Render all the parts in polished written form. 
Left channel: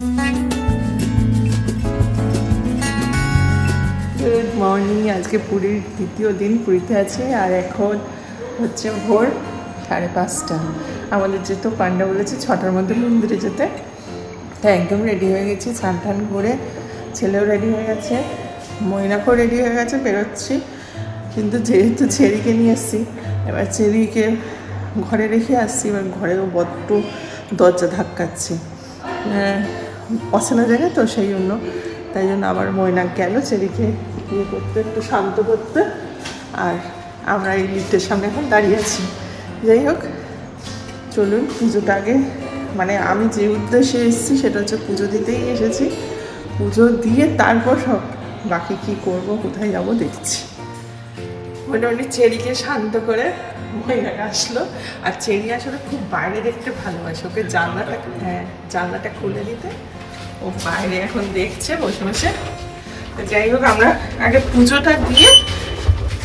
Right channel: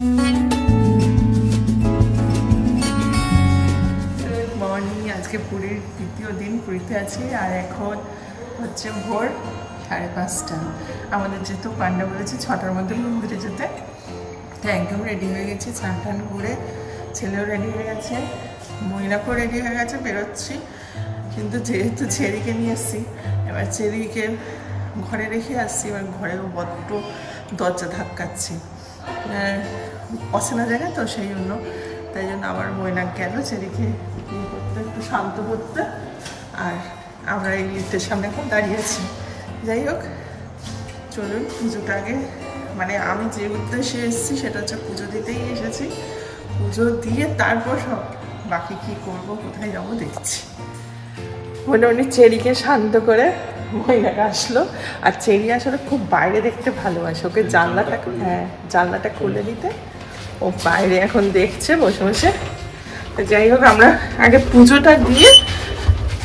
Good morning. আজকে পুরীর দ্বিতীয় দিন, পুরীতে আছি আর এখন হচ্ছে ভোর 5:30। আমাদের যেহেতু পান্ডা বলেছে 6টার মধ্যে মন্দিরে যেতে, তাই একদম রেডি হয়ে গেছি। স্নান টান করে ছেলেও রেডি হয়ে গেছে, ময়নাকেও রেডি হয়ে গেছে, বেরোচ্ছি। কিন্তু যেহেতু চেরিকে নিয়ে এসছি, এবার চেরিকে ঘরে রেখে আসছি, এবার ঘরেও বড্ড দরজা ধাক্কাচ্ছি, অচেনা জায়গা তো, সেই জন্য। তাই জন্য আবার ময়না গেল চেরিকে ইয়ে করতে, একটু শান্ত করতে, আর আমরা এই লিফটের সামনে এখন দাঁড়িয়ে আছি। যাই হোক, চলুন পুজোটা আগে, মানে আমি যে উদ্দেশ্যে এসেছি সেটা হচ্ছে পুজো দিতেই এসেছি। পুজো দিয়ে তারপর সব বাকি কি করব, কোথায় যাব দেখছি। মোটামুটি চেরিকে শান্ত করে ময়নাকে আসলো। আর চেরি আসলে খুব বাইরে দেখতে ভালোবাসে, ওকে জানলাটা খুলে দিতে ও বাইরে এখন দেখছে বসে বসে। যাই হোক, আমরা আগে পুজোটা দিয়ে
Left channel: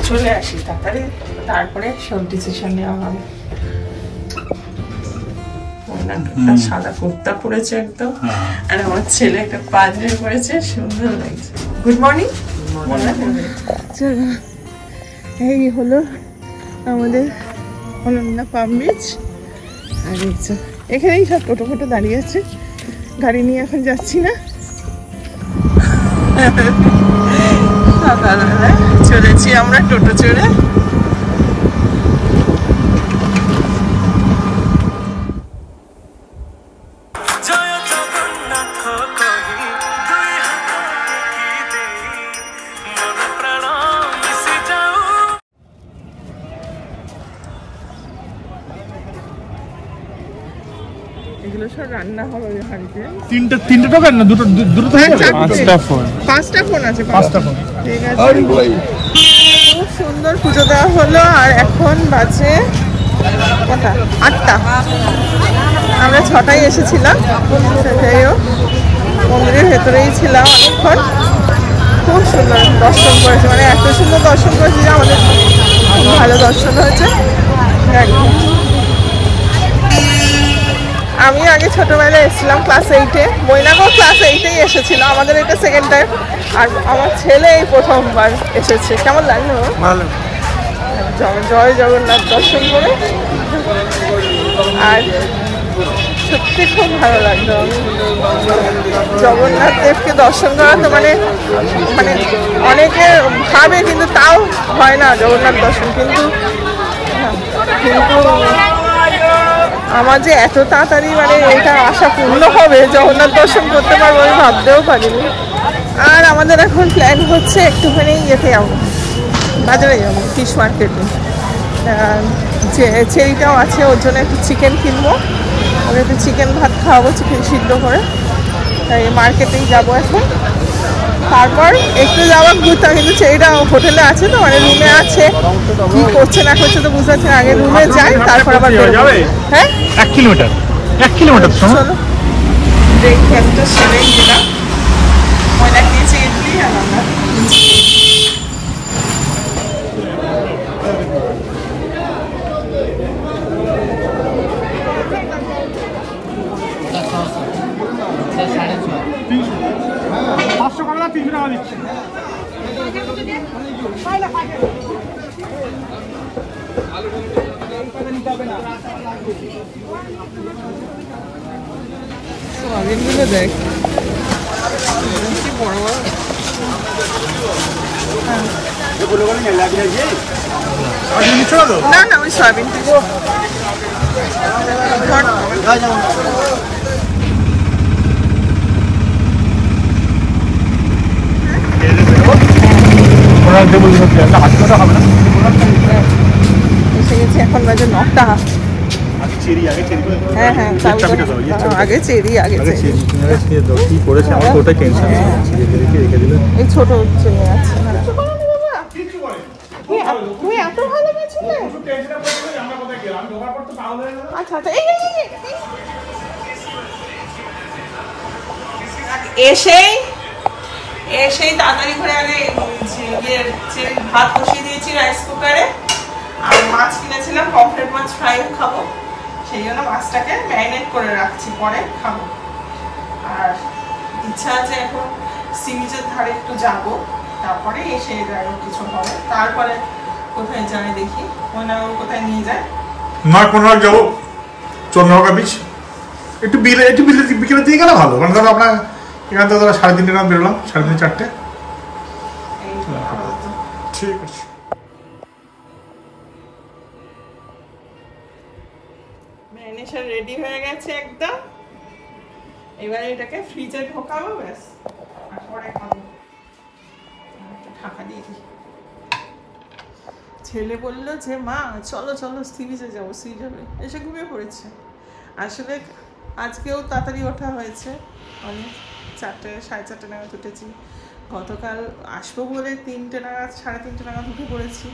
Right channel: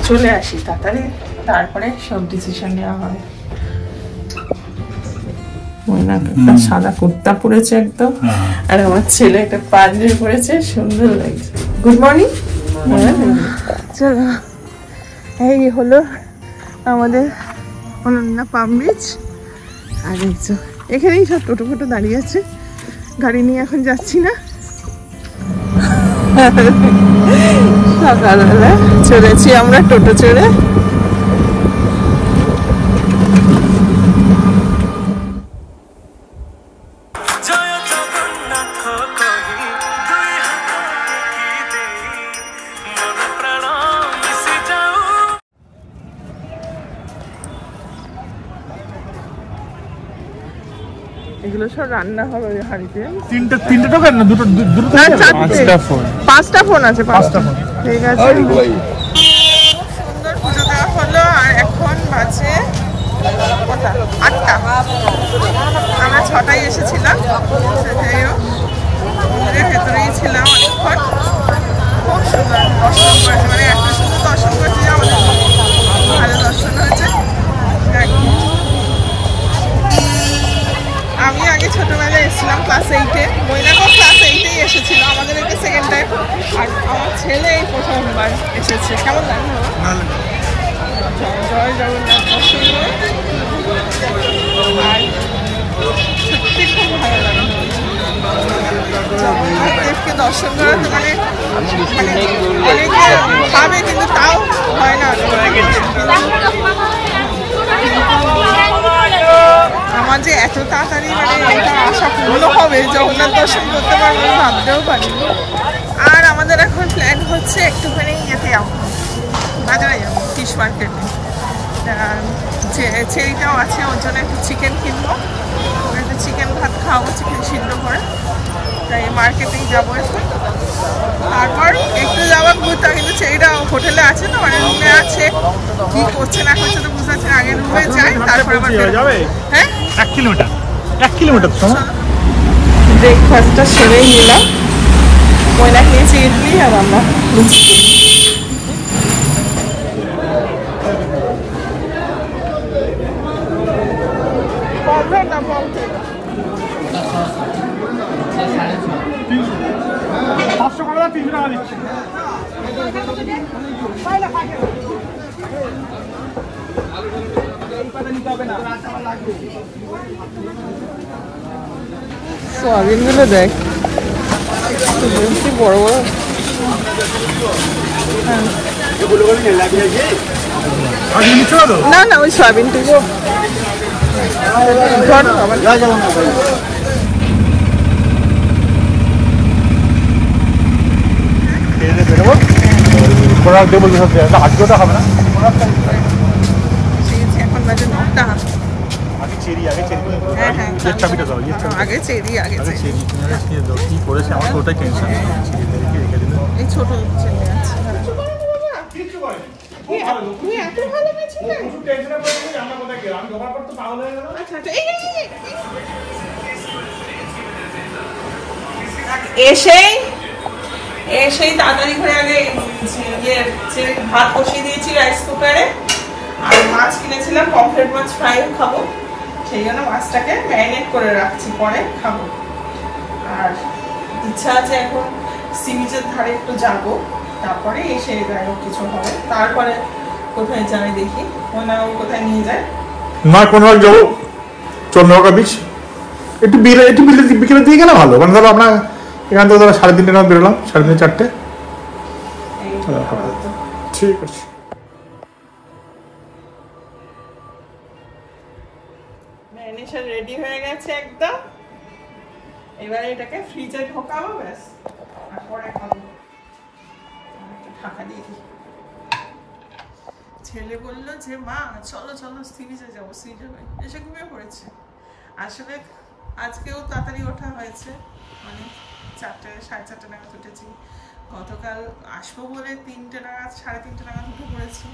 চলে আসি তাড়াতাড়ি, তারপরে সব ডিসিশন নেওয়া হবে। সাদা কুর্তা পরেছে একদম, আর আমার ছেলে একটা পাঞ্জাবি পরেছে, সুন্দর লাগছে। Good morning. চলো, এই হলো আমাদের অনন্যা পাম বিচ। আর এখানেই সব টোটো ফোটো দাঁড়িয়ে আছে, গাড়ি নিয়ে এখন যাচ্ছি না। সকালবেলা চলেছি আমরা টোটো চড়ে। এগুলো সব রান্না হবে হাঁড়িতে। তিনটে টোকেন না, দুটো পাঁচটা ফোন আছে। ঠিক আছে, খুব সুন্দর পুজো দেওয়া হলো। আর এখন বাজে কটা? 8টা। আমরা 6টায় এসেছিলাম। যাই হোক, মন্দিরের ভেতরেই ছিলাম অনেকক্ষণ। খুব সুন্দর দর্শন করেছি, মানে এত সুন্দর দর্শন করেছি যে আমাদের ভালো দর্শন হয়েছে একদম। আমি আগে ছোটবেলায় এসেছিলাম ক্লাস 8-এ, ময়নাকেও ক্লাস 8-এই এসেছিল, আমাদের এটা সেকেন্ড টাইম। আর আমার ছেলে এই প্রথমবার এসেছে। কেমন লাগলো? জয় জগন্নাথ দর্শন করে, আর সত্যি খুব ভালো লাগলো। জগন্নাথ দেবকে দর্শন করা তো মানে অনেকে ভাবে, কিন্তু তাও হয় না জগন্নাথ দর্শন। কিন্তু আমার যে এত তাড়াতাড়ি মানে এটা আশা পূর্ণ হবে, জগন্নাথ দর্শন করতে পারবো, আমি ভাবতেও পারিনি। আর আমাদের এখন প্ল্যান হচ্ছে একটুখানি ইয়েতে যাবো, বাজারে যাবো, ফিশ মার্কেটে। চেরিটাও আছে, ওর জন্য একটু চিকেন কিনবো, ওকে একটু চিকেন ভাত খাওয়াবো, চিকেন সিদ্ধ করে। তাই মার্কেটেই যাবো এখন। তারপর একটু যাবো ঘুরতে, কিন্তু চেরিটা হোটেলে আছে তো, মানে রুমে আছে, কি করছে না করছে তো বুঝতে পারছি না। আগে রুমে যাই, তারপর আবার বেরোবো। হ্যাঁ, 1 কিলোমিটার। চলো, ব্রেকফাস্টটা সেরেই নিলাম। ময়না খেয়েছি ইডলি, আর আমরা সোয়াবিন গুলো দেখ, বড় বড়। না না, ওই সয়াবিন থেকে এসে গেছি। এখন বাজে 9টা। হ্যাঁ হ্যাঁ, আগে চেরি আগে এই ছোট ছেলে আছে। তুই এত ভালো গেছিলে? আচ্ছা আচ্ছা, এসেই তাড়াতাড়ি করে আগে ভাত বসিয়ে দিয়েছি রাইস কুকারে। আর মাছ কিনেছিলাম, পমফ্রেট মাছ ফ্রাই খাবো, সেই জন্য মাছটাকে ম্যারিনেট করে রাখছি, পরে খাবো। আর ইচ্ছা আছে এখন সি বিচের ধারে একটু যাবো, তারপরে এসে যাই কিছু হবে, তারপরে কোথায় যাই দেখি মনে কোথায় নিয়ে যায়। না কোনো যাবো চন্দ্রভাগা বিচ, একটু বিকেলে দিয়ে গেলে ভালো, মানে ধরো আপনার এখান থেকে ধরো 3:30 নাগাদ বেরোলাম, 3:30 4টে। ঠিক আছে। ম্যারিনেশন রেডি হয়ে গেছে একদম, এবারে এটাকে ফ্রিজে ঢোকাবো, ব্যাস পরে খাবো। ঢাকা দিয়ে দিই। ছেলে বললো যে মা চলো চলো সি বিচে যাবো, সি যাবে, এসে ঘুমিয়ে পড়েছে। আসলে আজকেও তাড়াতাড়ি ওঠা হয়েছে, অনেক 4:30 নাগাদ উঠেছি। গতকাল আসবো বলে 3টে নাগাদ 3:30 নাগাদ উঠে পড়েছি।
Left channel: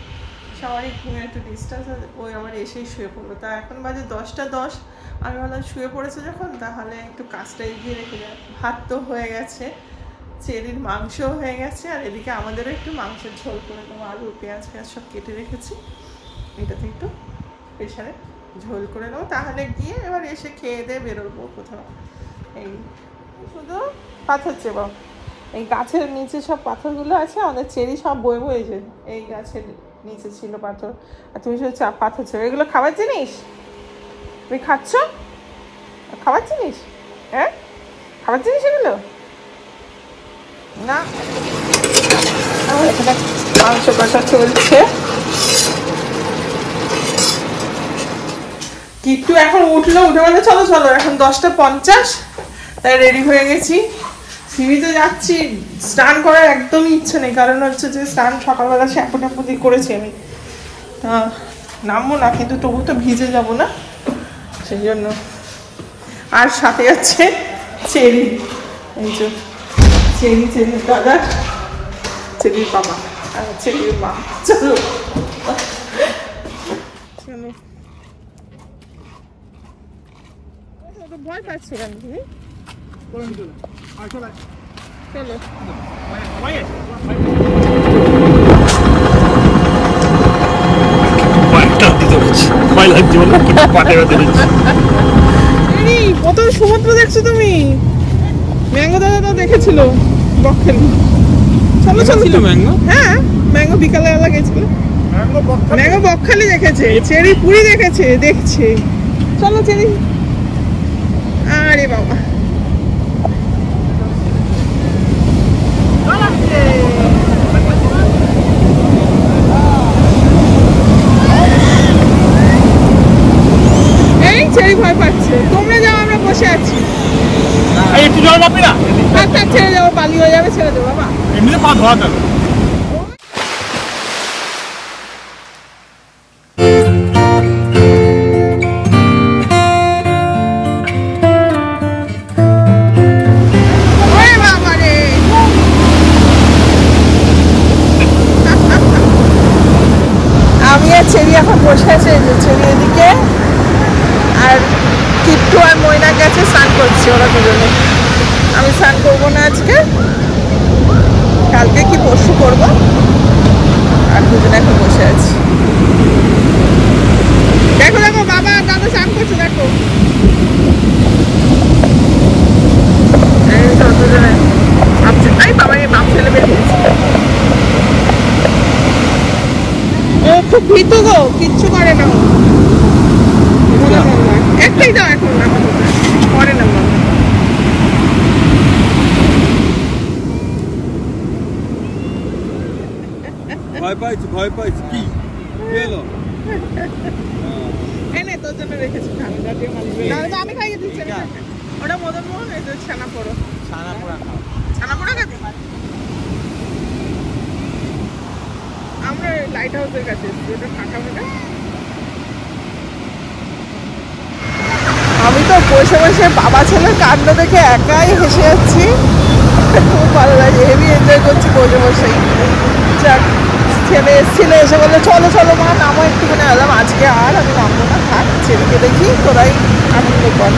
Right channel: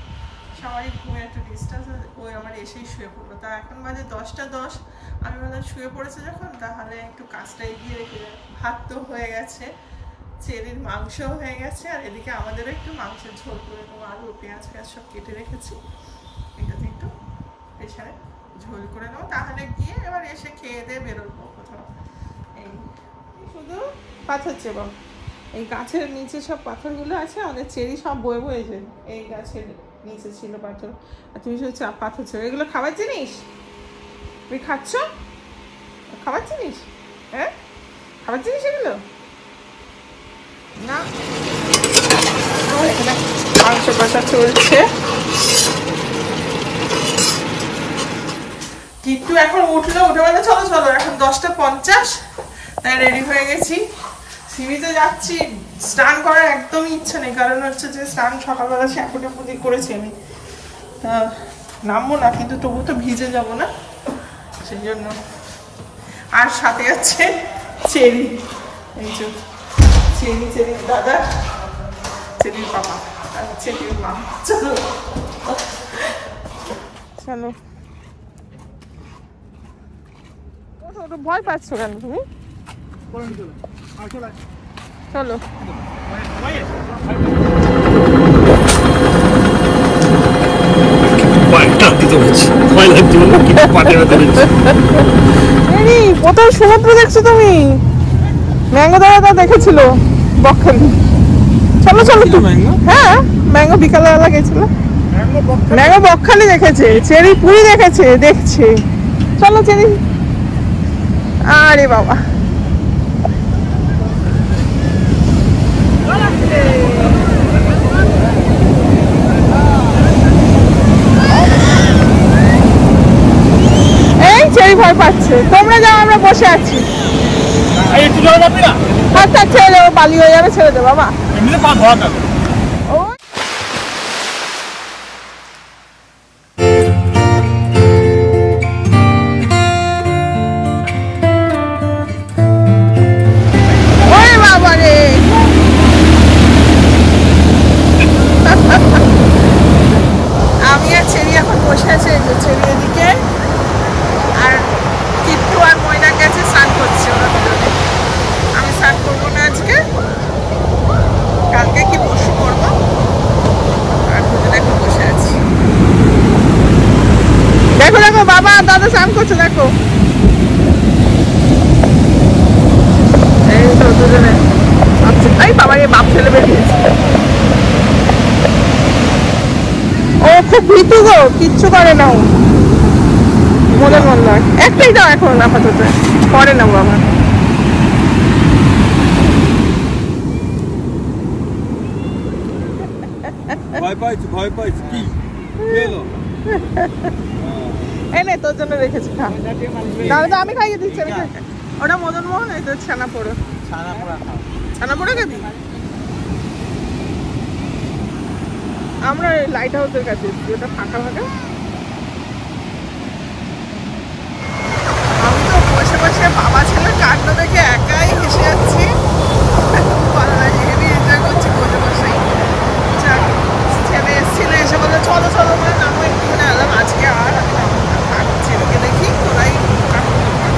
সবাই ঘুমে একটু ডিস্টার্ব, ওই আমার এসেই শুয়ে পড়বো। তা এখন বাজে 10:10, আমি ভাবলাম শুয়ে পড়েছে যখন তাহলে একটু কাজটা এগিয়ে রেখে যায়। ভাত তো হয়ে গেছে, চেরির মাংসও হয়ে গেছে, আর এদিকে আমাদেরও একটু মাংসের ঝোল করে দেবো, আলু পেঁয়াজ সব কেটে রেখেছি, এটাতে একটু প্রেশারে ঝোল করে দেবো, তাহলে গিয়ে এবার এসে খেয়ে দিয়ে বেরোবো কোথাও। এই শুধু পাথর চেব, এই গাছের নিচে সব পাথরগুলো আছে, আমাদের চেরি সব বই বইছে, এই গাছের নিচে ছিল পাথর, আর তুমি শুধু পাথর চেব। এগুলো খাবার জিনিস, তুমি খাচ্ছ খাবার জিনিস? হ্যাঁ খাবার জিনিস এগুলো না। মাংস কষা চলছে, কিট্টু এখন উঠলো, উঠে বলে চলো চলো, এখন 10:50, তাই রেডি হয়ে গেছি, সি বিচে যাচ্ছি। স্নান করার একদমই ইচ্ছা নেই, কারণ হচ্ছে যে স্নান সকালবেলা শ্যাম্পু করেছি আমি, নামবো না, কিন্তু তবু তো ভিজে যাবো না, সেই জন্য। আর সাথে আছে চেরি, এই তো চেরির দাদা, চেরির বাবা আর চেরির মা। চলো চলো। ভয় পাচ্ছ কেন তুমি? চলো কত সমুদ্র দেখছো তুমি? ম্যাঙ্গো দাদা দেখেছিল বকখালি। চলো চলো, হ্যাঁ ম্যাঙ্গো বিকালবেলা গেছিল, ম্যাঙ্গো বকখালি দেখেছে, চেরি পুরি দেখেছে, দেখছে। চলো চেরি। আরে বাবা এই চেরি ভয় পাচ্ছে, তোমরা যাও আমরা বসে আছি। আচ্ছা ছেড়ে দেবো, পালি হয়ে যাবে, ছেড়ে দেবো বাবা। এমনিতে পা ধোয়া গেল। আমি আর চেরি এখন বসে আছে চেরি এদিকে, আর কিট্টু আর ময়না গেছে স্নান করছে ওরা দুজনে। আমি স্নান করবো না আজকে, কালকে কি পরশু করবো, আর দুজনে এখন বসে আছি। দেখো দেখো বাবা আর দাদা স্নান করছে, দেখো এই তো দুজনে। এই বাবা এই বাপ ছেলে বেরিয়েছে, ও খুব ভীতু গো, কিচ্ছু করে না, মনে মন নয়। একটাই দাও এখন আপাতত, পরে না বাবা। ভয় পাইছি কি এলো এনে তোর জন্য রেখেছি, আমি খাইয়ে দিচ্ছি। ওটা মদন মোহন, এই তো ছানা পোড়া, ছানা পোড়া খাবি? আমরা লাইট হাউসের কাছে, ওটা ফাঁকা ফাঁকা। আমি তো বসে বসে বাবা ছেলের কাণ্ড দেখে একাই হেসে যাচ্ছি, খুব ভালো লাগে, হেভি এনজয় করছি বসে বসেই। যাক, ছেলে এসেছিল, এসে বললো চলো চলো মা নামো একটুখানি। আলাম আজকে আর আমি নামবো না, থাক ছেলেকে দেখি, তোরাই আনন্দ কর।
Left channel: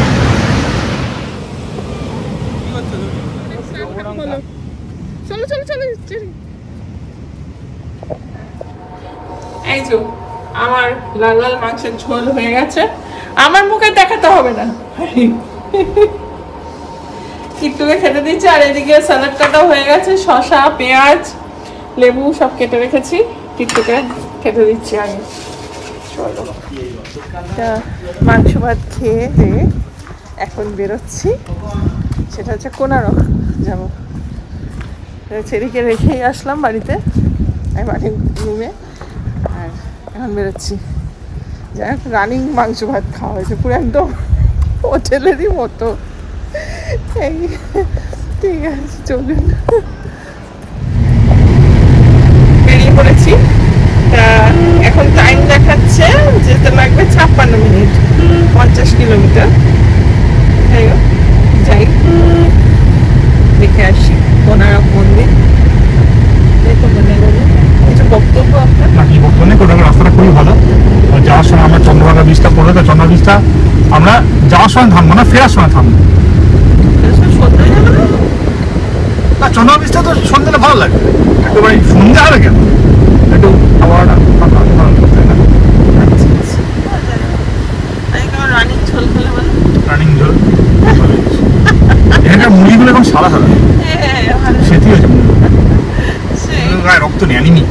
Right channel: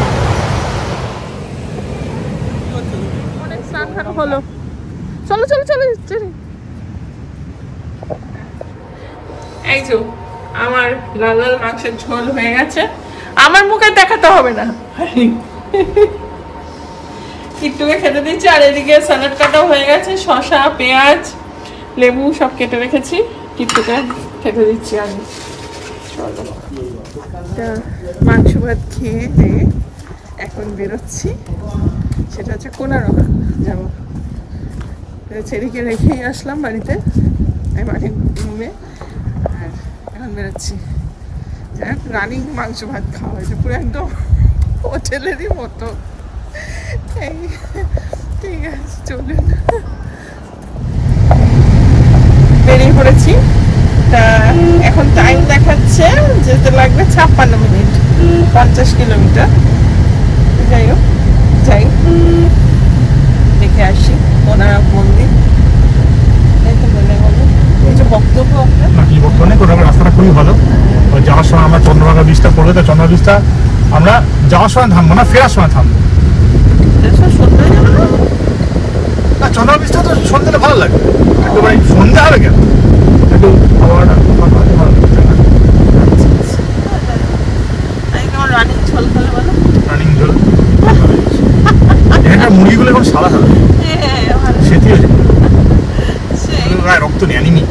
অনেক স্নান টান হলো, চলো চলো চলো। এই তো আমার লাল লাল মাংসের ঝোল হয়ে গেছে, আমার মুখে দেখাতে হবে না। কিট্টুকে খেতে দিচ্ছি। আর এদিকে স্যালাড কাটাও হয়ে গেছে, শসা, পেঁয়াজ, লেবু সব কেটে রেখেছি, কিট্টুকে খেতে দিচ্ছি আমি। মাংস ভাত খেয়ে দিয়ে এখন বেরোচ্ছি, সেটা হচ্ছে কোনারক যাবো। চেরিকে রেখেই আসলাম বাড়িতে, মানে রুমে, আর এখন বেরোচ্ছি। যাই হোক, রানিং মাংস ভাত খাওয়া হয়েছে, পুরো একদম হোটেলেরই মতো। ঠিক আছে, চলুন। বেরিয়ে পড়েছি। তা এখন টাইম দেখাচ্ছে যেতে লাগবে 56 মিনিট, 50 কিলোমিটার। যাই হোক, যাই দেখে আসি কোনারক মন্দির। কিছু বক্তব্য আপনার? রাস্তাটা খুবই ভালো। যাওয়ার সময় আমরা চন্দ্রভাগা বীজটা পড়লে, তো চন্দ্রভাগা বীজটা আমরা যাওয়ার সময় থামবো না, ফেরার সময় থামবো। না, চন্দ্রভাগা বীজটা তো সন্ধ্যে ভালো লাগে, একটু ভাই সন্ধ্যা হবে কেন, একটু খাওয়া রানিং ঝোল। এটা মুড়িগুলো এখন সাদা হবে, সেটি হয়েছে রক্ত নেই আনিনি।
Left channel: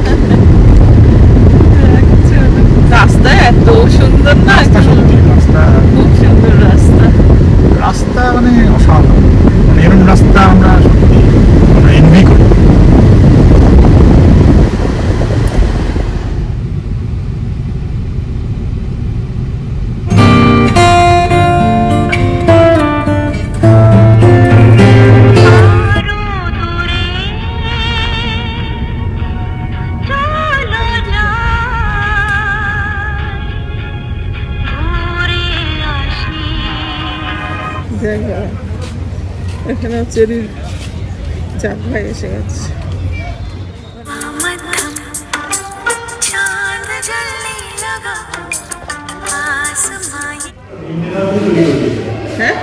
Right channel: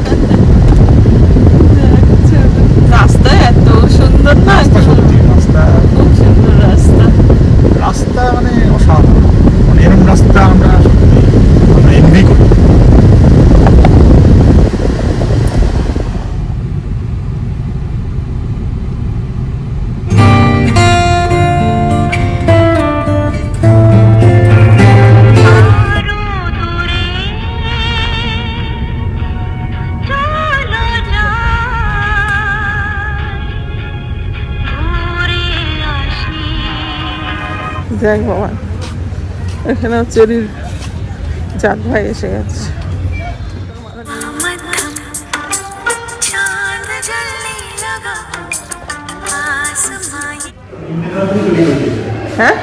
রাস্তা এত সুন্দর না, রাস্তা খুব সুন্দর রাস্তা। রাস্তা মানে অসাধারণ, এমন রাস্তা আমরা এনভি করি। জয় ভগবান। এখানে চেরির চাঁদ ভাই এসে গেছে। হ্যাঁ,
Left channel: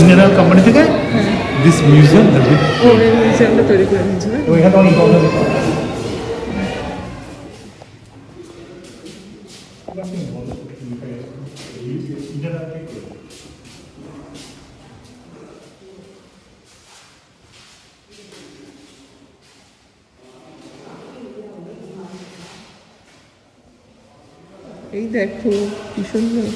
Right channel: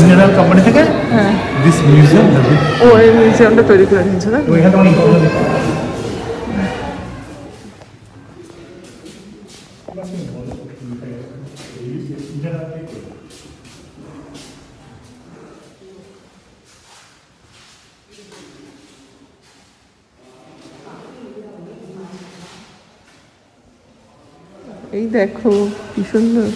ইন্ডিয়ান কোম্পানি থেকে দিস মিউজিয়াম, ও এই মিউজিয়ামটা তৈরি করে নিয়েছে না? এই দেখো কি সুন্দর।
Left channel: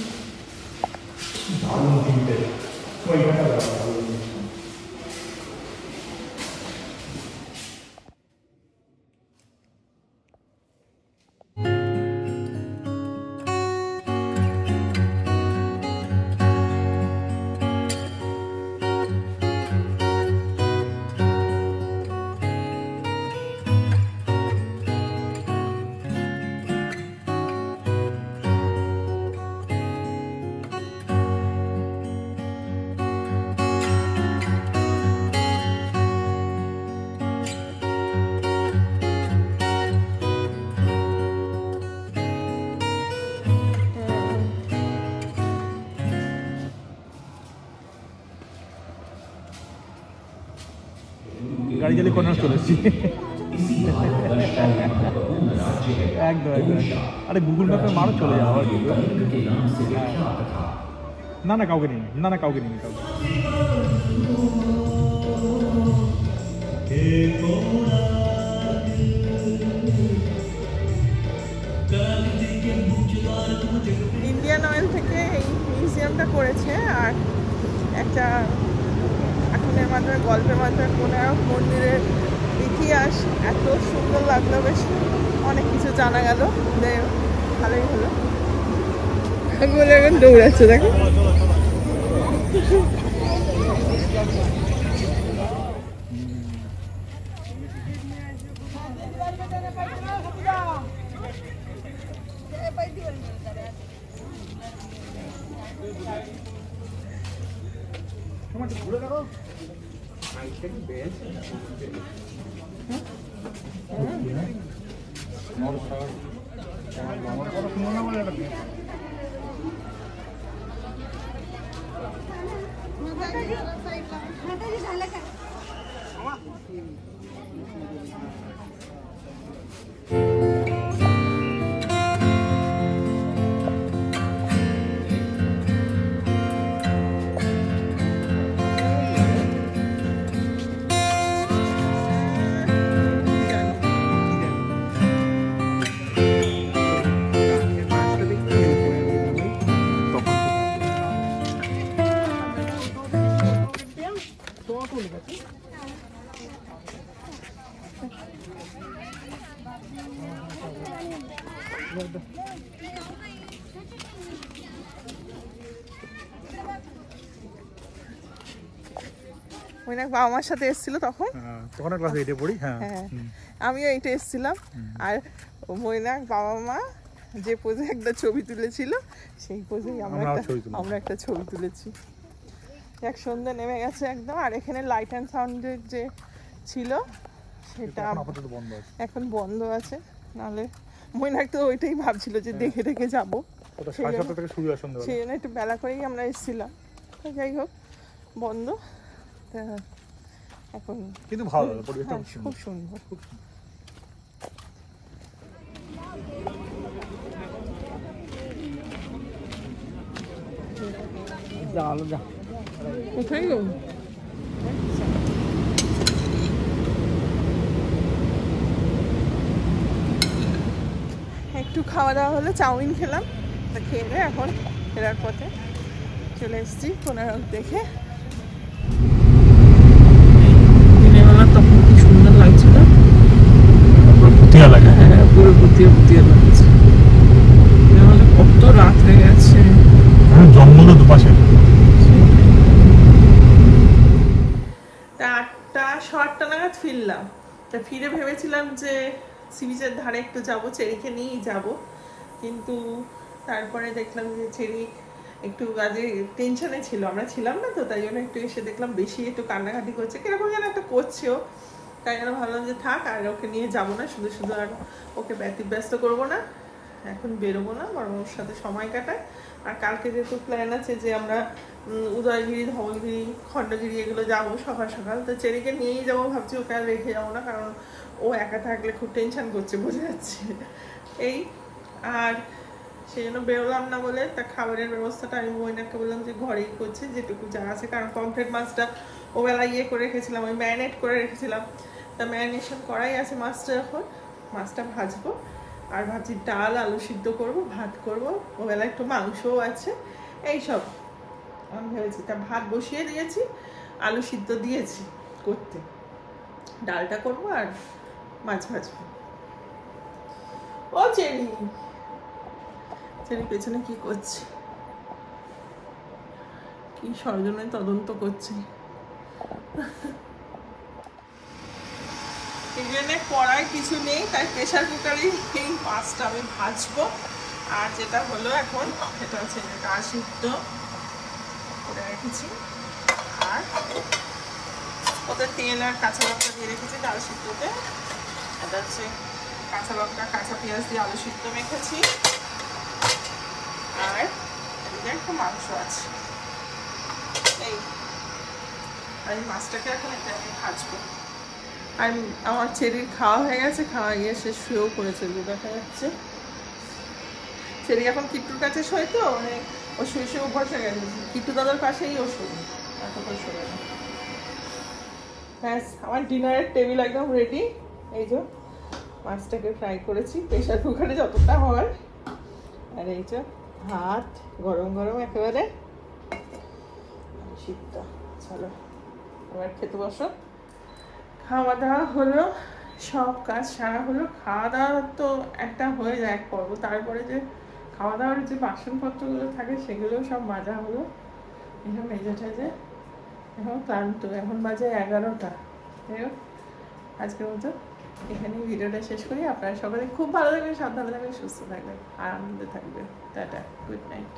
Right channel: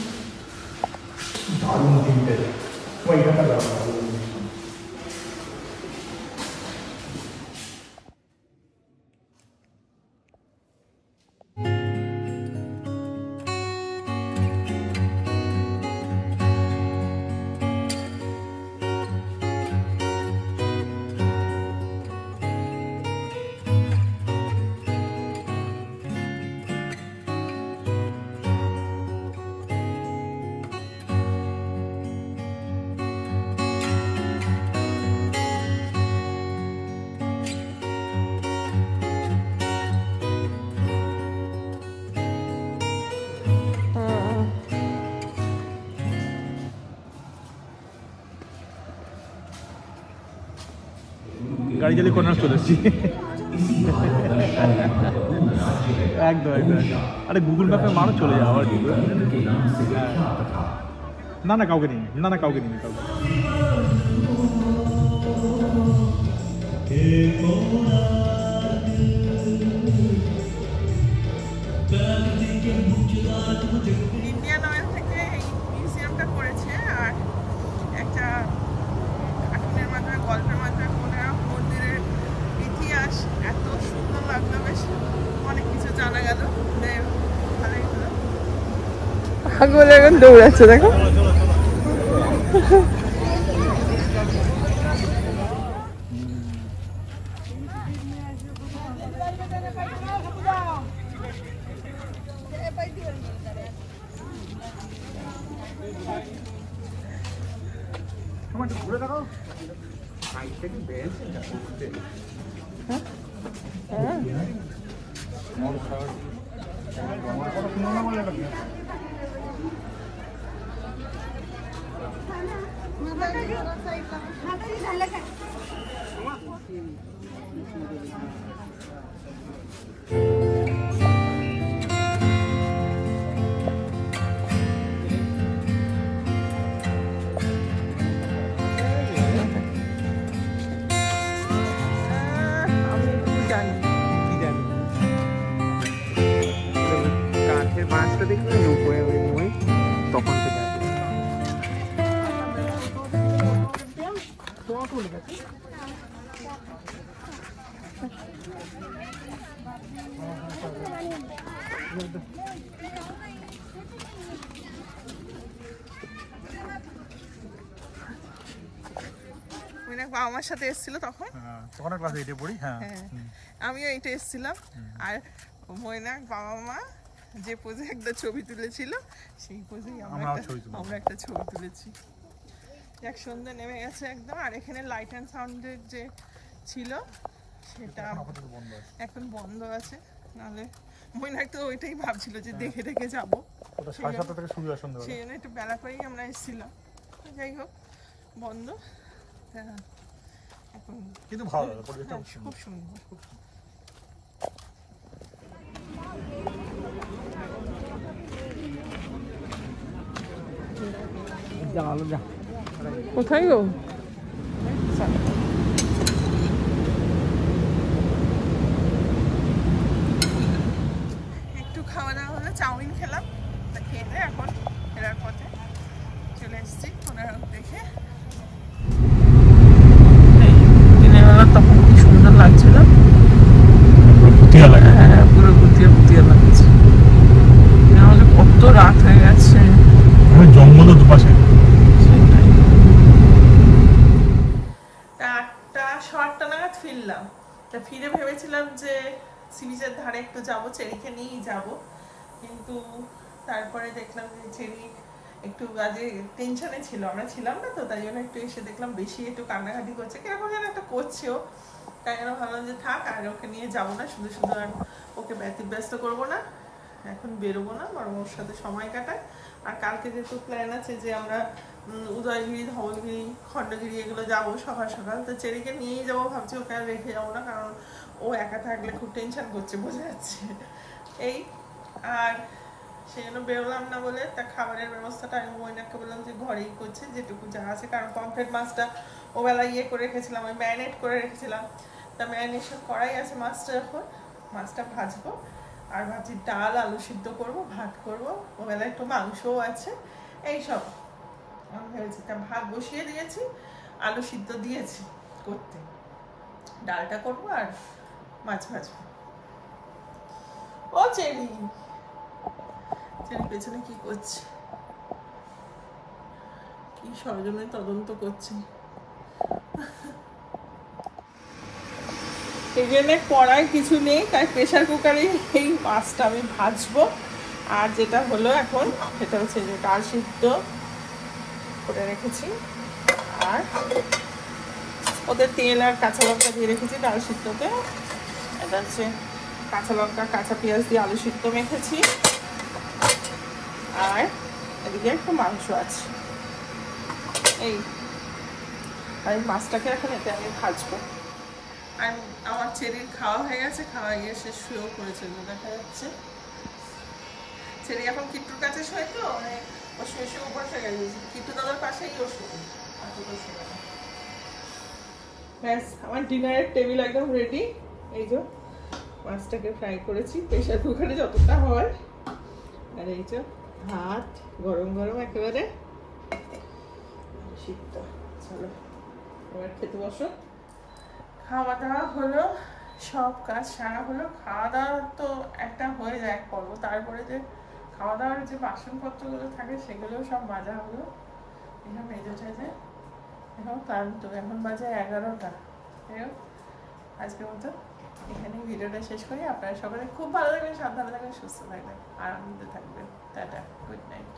গাড়ি চালিয়ে কোনার চলে এসেছি একদম একদম। আরে গুগল ম্যাপে মারো, চলে যাওয়া। না না কাউকে নিন, না না কাউকে নিন, কাউকে। ইন্ডিয়ান অয়েল থেকে এই মিউজিয়ামটা করেছে, আর একটা কার্টুনের মাধ্যমে, গল্পের মাধ্যমে কোনারক মন্দিরের ইতিহাস এত সুন্দর লাগলো, বেশ অনেক কিছু জানা গেল। যাই হোক, ভালোই হলো। বলে এখন দৌড়াচ্ছে, দেখো। বাবা মার সাথে এসেছিল তখন, ক্লাসে 8 এ পড়ি। হ্যাঁ, আমিও এইটা এসেছিলাম। আর মৈনাক বাবা মা যে পোজে একটা ছবি তুলেছিল সেই পোজেই আমরা একটা ছবি তুলেছি। এক সন্ধ্যে নেমে গেছে একদম। আর এখানে লাইট অ্যান্ড সাউন্ডের যে ছিল সেটা এখন বন্ধ আছে, নাহলে মৈনাক তো ওইটাই ভাবছিল যে দেখে দেখে যাবো, সেই জন্য একটু বেলা করেই আমরা এসেছিলাম। যাই হোক বন্ধ এখন, কিন্তু ভালো পরিবেশটা খুব সুন্দর। কোথায় গো? একটু খাওয়া দাওয়া হলো, চাউমিন খেলাম, তা খেয়ে এখন ফেরার পথে চলে এসেছি কোনারক দেখে। তখন কি সুন্দর লাগছিল, পুরো ভুতিয়ে ভুতিয়ে লাগছে। কত রাত হয়ে গেছে, জঙ্গল দুপাশে। 8টা 8:15 নাগাদ ফিরলাম। তা ফিরে ভেবেছিলাম যে সি বিচের ধারে একটু যাবো, চেরিকে নিয়েই যাবো, কিন্তু তারপরে দেখলাম যে চেরি একটু আগে টেনশনে ছিল, আমরা ছিলাম না তো, তাই জন্য একটু এসে দেখলাম বেশি একটু কান্নাকাটি করছে, কিরকম যেন একটা করছেও। তাই জন্য ভাবলাম যে থাক, আর ওকে নিয়ে যাবো না, শুধু শুধু আর ওকে ব্যতিব্যস্ত করবো না, এখন বেরোবো না, বরং ওর সাথে সময় কাটায়। আর কালকে যেহেতু প্ল্যান আছে যে আমরা উদয়গিরি, ধবলগিরি, খণ্ডগিরি এগুলো যাবো সকাল সকাল, তো চেরিকে নিয়েই যাবো ভাবছি, ওকে আর রেখে যাবো না, কারণ ও একা থাকলে খুব টেনশন করছে, বোঝা যাচ্ছে এই। আর সেই জন্য বেরোলাম না বলে তা খাবারের ব্যবস্থাটা আমি মৈনাককে বললাম যে ঘরেই করছে যেটুকু যা আছে, কারণ পমফ্রেট মাছটা ওবেলা করে রেখেছিলাম, আমি ম্যারিনেট করে রেখেছিলাম, তা ম্যারিনেশন করাই আছে মাছটা। এখন মাছটা ভাজবো, আর ভাবছি ডাল আলু সিদ্ধ করবো, ভাত করবো, ওবেলা একটু মাংসও আছে, এইসব আমি ভেবেছি। তা ভাত বসিয়ে দিয়েছি, আলু সিদ্ধ দিয়েছি করতে, ডালটা করবো আর মাছ ভাজবো। ও চেরি, চেরি পেছনে কি করছে, কি ষড়যন্ত্রের তদন্ত করছে। এখানে কড়াই কিছু নেই, তাই প্রেসার কুকারে এই মাছটা আমি ভাজবো। আর যেটা হলো এখন সেটা হচ্ছে যে ডাল সিদ্ধ করে রেখেছি, আর ওতে তেল আর কাঁচা লঙ্কা দিয়ে রেখেছি ডাল সিদ্ধতে। এটা হচ্ছে কাঁচা লঙ্কা, কাঁচা পেঁয়াজ দিয়ে আলু সিদ্ধ মেখেছি, আর এদিকে একটু মাংস আছে এই। আর এই মাছটাকে এখন এতে আমি ভাজবো। আর আমার চেরির খাওয়া হয়ে গেছে, খাওয়া গিয়ে সে শুয়েও করেছে, যে দেখা যাচ্ছে। চেরি এখন কিট্টুর কাছে শোয়, তো ও শুয়ে শুয়ে বসে গেছে, কিট্টু দাদার পাশেই ও শুয়ে, ব্যাস আমার ডিনারের টেবিল একদম রেডি। এই যে মাছটাকে ফ্রাই করেছি প্রেসার কুকারে যতটা হয়, আর এই যে ভাত গরম গরম একেবারে সিদ্ধ। চলো এবার খেতে বসো। খাওয়া দাওয়া হলো, সব কাজ সারা হলো। খাওয়া দাওয়া তো একটা হয়ে যায় এক পর্ব, তারপরে যে খাওয়া দাওয়ার যে বাসনপত্রগুলো থাকে সেগুলোও সব মাজা হলো, এসব মেজে টেজে এখন ক্লান্ত। এখন বাজে 11টা। যাই হোক আজকের মতো এখানেই ভিডিওটা শেষ করি। আপনারা সকালে খুব ভালো থাকবেন, সাবধানে থাকবেন, সুস্থ থাকবেন, আনন্দে থাকবেন। Tata, good night.